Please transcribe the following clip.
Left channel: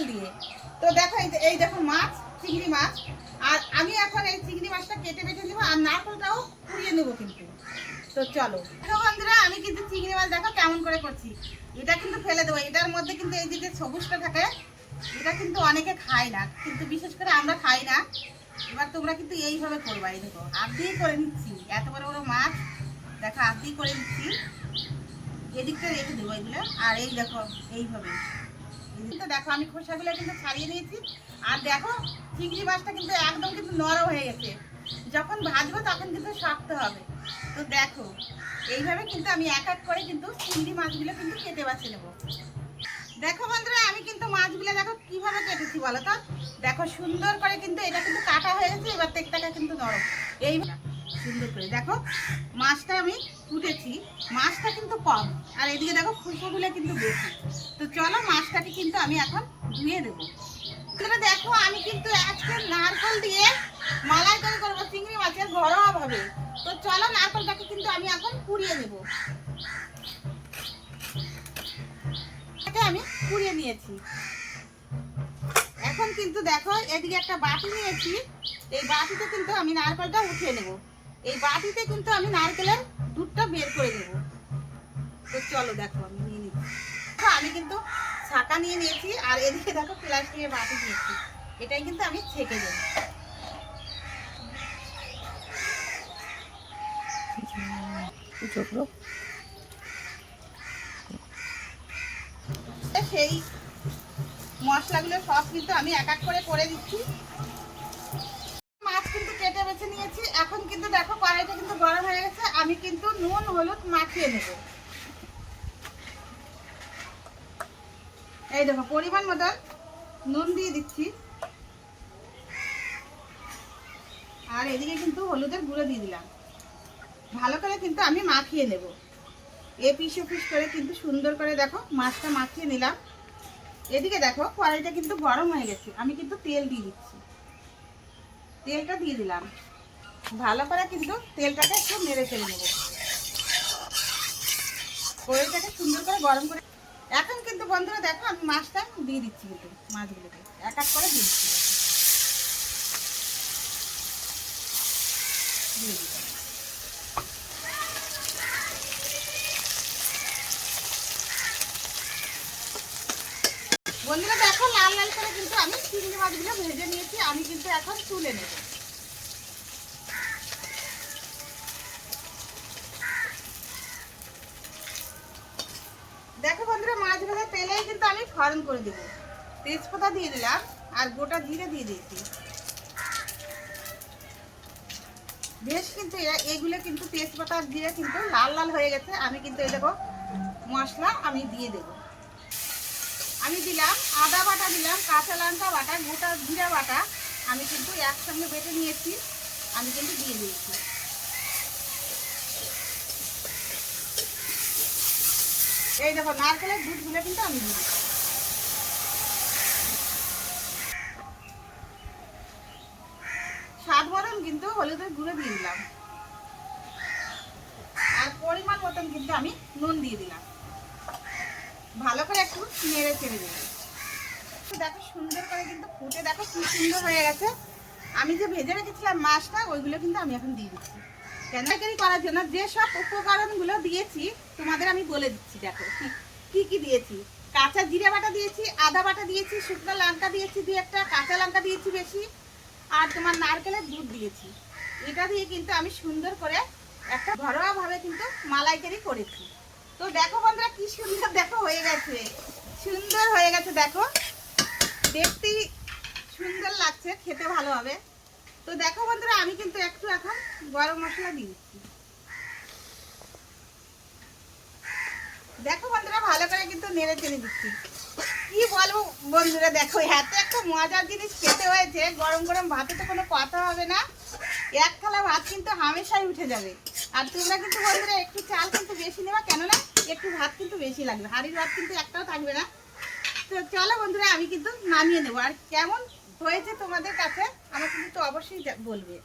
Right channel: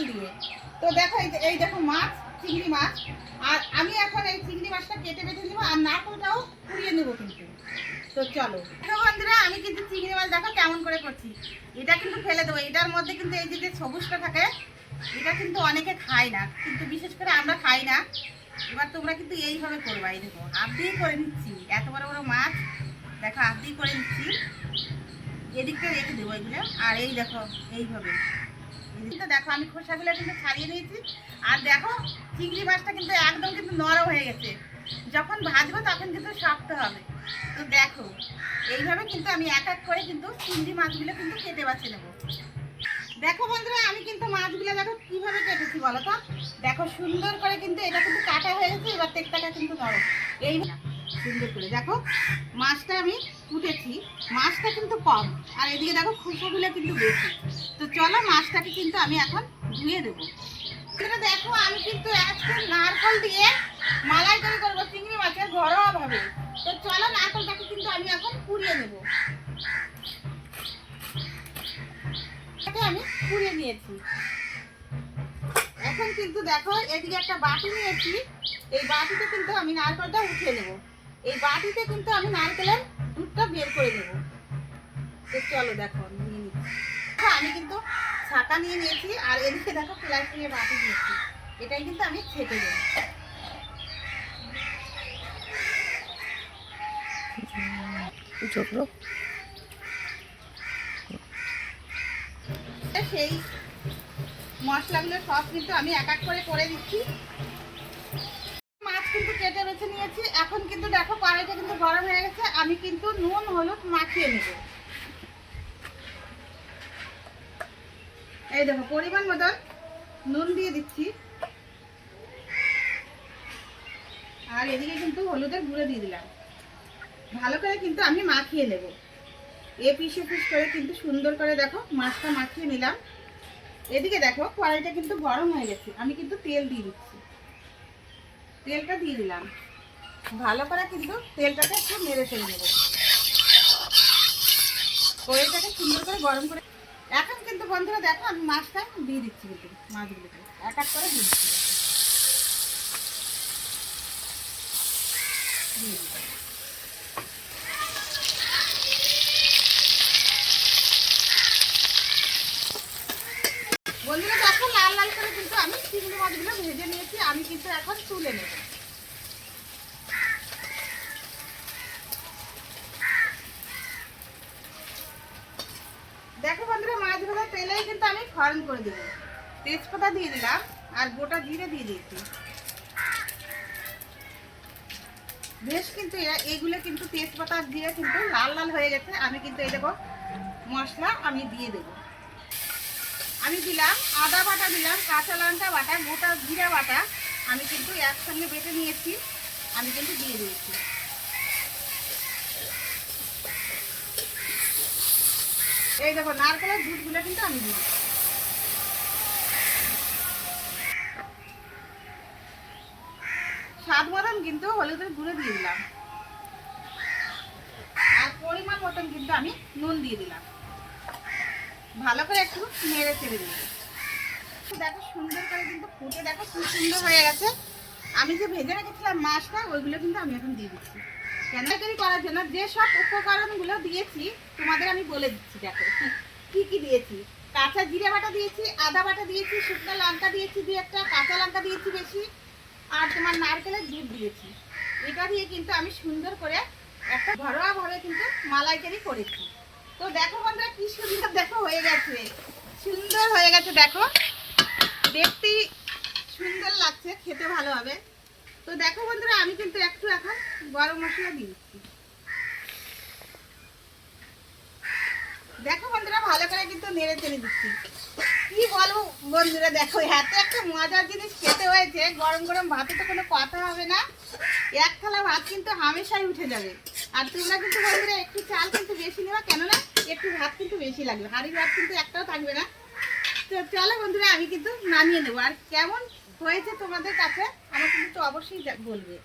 নারকল দিয়ে। তো দেখো এই দেখো মাছ, চিংড়ি মাছ, আর আমি এখন এই চিংড়ি মাছটা কেটে বেটে নেবো আর নারকলটাও পুড়িয়ে নেবো কিন্তু। তো চলো বন্ধুরা, আমি কিন্তু চিংড়ি মাছ দেখো কেমন করে করছি। এটা কিন্তু ফেলে দেবো, এটার মধ্যে কিন্তু এই যে সবুজটা থাকে এটা কিন্তু অনেকে খায় না, কিন্তু বিশেষ করে আমরা খাই না। এবার তোমরা কিন্তু এইভাবে করবা। এই দেখো হাত দিয়ে করে নিচ্ছি, এত বড় বড় মাছ দেখো হাত দিয়ে করে নিচ্ছি। এদিকটা রেখে দেবো এগুলো, আর এই দেখো এইভাবে দেখো আমি খোসাগুলো কিন্তু ছাড়িয়ে নিয়েছি। আর দেখো চিংড়ি মাছটা কিন্তু একদম কিন্তু নরম হয়ে গেছে, যখন ভাজবো তখন কিন্তু শক্ত হবে। তো দেখো এইভাবে কিন্তু আমি এক এক করে কিন্তু চিংড়ি মাছগুলো কিন্তু কেটে বাছে নেবো। দেখো বন্ধুরা, আমি কিন্তু মাছগুলো দেখো কিভাবে কেটেছি বলো তো। দেখো সুন্দর করে কিন্তু এটা কিন্তু কাটা হয়ে গেছে, এবার তেলটাটা কিন্তু নরম। এই সুন্দর করে দেখো মাছটা আমি কুটেছি, মাছটা কিন্তু কম, আর এদিকে দেখো খোসাগুলো কিন্তু বেশি। তো চলো মাছটাকে কিন্তু আমি এখন ধুয়ে দেবো। দেখো আমি কিন্তু আজকে নারকেল দিয়ে মালাইকারি করবো চিংড়ি মাছের ঘরোয়া ভাবে। তো চলো নারকেলটাকে কিন্তু আমি এখন পুড়িয়ে নেবো। আমি পুড়িয়ে নিয়েছি, এখন কিন্তু দেখো এদিকে একটা বাটি নিয়েছি, এই বাটিতে কিন্তু আমি নারকেলটা উঠিয়ে নেব। এই বাটিতে কিন্তু আমি নারকেলের দুধটা বের করে নেব। তো চলো দেখো আমি নিয়ে নিচ্ছি। আমি কিন্তু ছাঁকা নিয়ে নিয়েছি, আর এদিকে দেখো প্লাস্টিকের বাটি নিয়েছি, এটাই কিন্তু আমি ছেঁকে দেব। সেই মশলাগুলো সব কিন্তু আমি এক এক করে দিচ্ছি। মাছ কিন্তু কেটে বেছে নিয়েছি, এখন কিন্তু দেখো কড়াইটা কিন্তু গরম হয়ে গেছে, আমি কিন্তু নুন হলুদ মাখিয়ে নেব। এই দেখো পরিমাণ মতন নুন দিয়ে দিচ্ছি, আর এদিকে কিন্তু হলুদের গুঁড়ো দিয়ে দিলাম। ভালো করে কিন্তু আমি মাখিয়ে নেব, পিস করে কিন্তু সুন্দর করে দেখো মাছটা মাখিয়ে নিলাম। এদিকে দেখো কড়াইটা কিন্তু গরম হয়ে গেছে, আমি কিন্তু তেল দিয়ে দিচ্ছি। তেলটা দিয়ে দিলাম, ভালো করে কিন্তু তেলটাকে একটু নেড়ে চেড়ে নেব। কড়াইটাকে সুন্দর করে গরম করে এখন কিন্তু বন্ধুরা দেখো আমি মাছটা দিয়ে দিচ্ছি, কিন্তু মাছগুলোকে এক এক করে দিয়ে দিচ্ছি। বন্ধুরা দেখো লাল লাল করে কিন্তু আমি চিংড়ি মাছগুলো ভেজে নিয়েছি, আমি কিন্তু এখন তুলে নেব। দেখো বন্ধুরা মাছ ভাজা তেলেই কিন্তু আমি ফোড়ন করে দেবো। তেজপাতা দিয়ে দিলাম আর গোটা জিরে দিয়ে দিয়েছি। বেশ কিন্তু এগুলো কিন্তু তেজপাতা দিয়ে কিন্তু লাল লাল হয়ে গেছে, আমি কিন্তু এই দেখো মশলা আমি দিয়ে দেব। আমি দিলাম আদা বাটা, দিলাম কাঁচা লঙ্কা বাটা, গোটা জিরা বাটা, আমি কিন্তু একসঙ্গে বেটে নিয়েছি, আমি কিন্তু দিয়ে দিয়েছি। এই দেখো নারকেলের দুধগুলো কিন্তু আমি দিয়ে দিচ্ছি। স্বাদ মতন কিন্তু হলুদের গুঁড়ো দিয়ে দিলাম, আর পরিমাণ মতন কিন্তু আমি নুন দিয়ে দিলাম। ভালো করে একটু নেড়ে চেড়ে দেবো। দেখো সুন্দর করে কিন্তু ফুটে দেখো কি সুন্দর হয়ে গেছে। আমি যে ভেজে রেখেছিলাম মাছটা ওইগুলো কিন্তু আমি এখন দিয়ে দিচ্ছি। কেনাকাটি করার জন্য যে সব উপকরণগুলো দিয়েছি তোমাদের আমি বলে দিচ্ছি। দেখো কি কি দিয়েছি, কাঁচা জিরে বাটা দিয়েছি, আদা বাটা দিয়েছি, শুকনো লঙ্কা দিয়েছি, দিয়ে একটা কাঁচা লঙ্কা দিয়েছি বেশি, আর তোমার নারকেলের দুধ দিয়েছি। এটা দিয়ে কিন্তু আমি সুন্দর করে একটা ঘরোয়া ভাবে কিন্তু মালাইকারি করেছি। তো দেখো বন্ধুরা কি সুন্দর দেখো হয়ে গেছে, সুন্দর হয়ে গেছে। দেখো দেখতেই সুন্দর লাগছে, খেতে ভালো হবে। তো দেখো বন্ধুরা আমি কিন্তু একটু এখন গরম মশলা দিয়ে দিচ্ছি। দেখো বন্ধুরা ভালো করে কিন্তু নেড়ে চেড়ে দিচ্ছি। কি বলবো বন্ধুরা, দেখো এত একটা মজার জিনিস খেতে হয়েছে, গরম গরম ভাতে তো কোনো কথা হবে না, এক থালা ভাত কিন্তু হামেশাই উঠে যাবে। আর তোমরা কিন্তু বন্ধুরা একটু চাল কিন্তু বেশি নেবা, কেননা একটু ভাত কিন্তু বেশি লাগবে, হাঁড়ির ভাত কিন্তু একটাও থাকবে না। তো চলো বন্ধুরা আমি কিন্তু নামিয়ে নেবো, আর কেমন হয়েছে তোমাদের কাছে আমাকে কিন্তু অবশ্যই বলবে।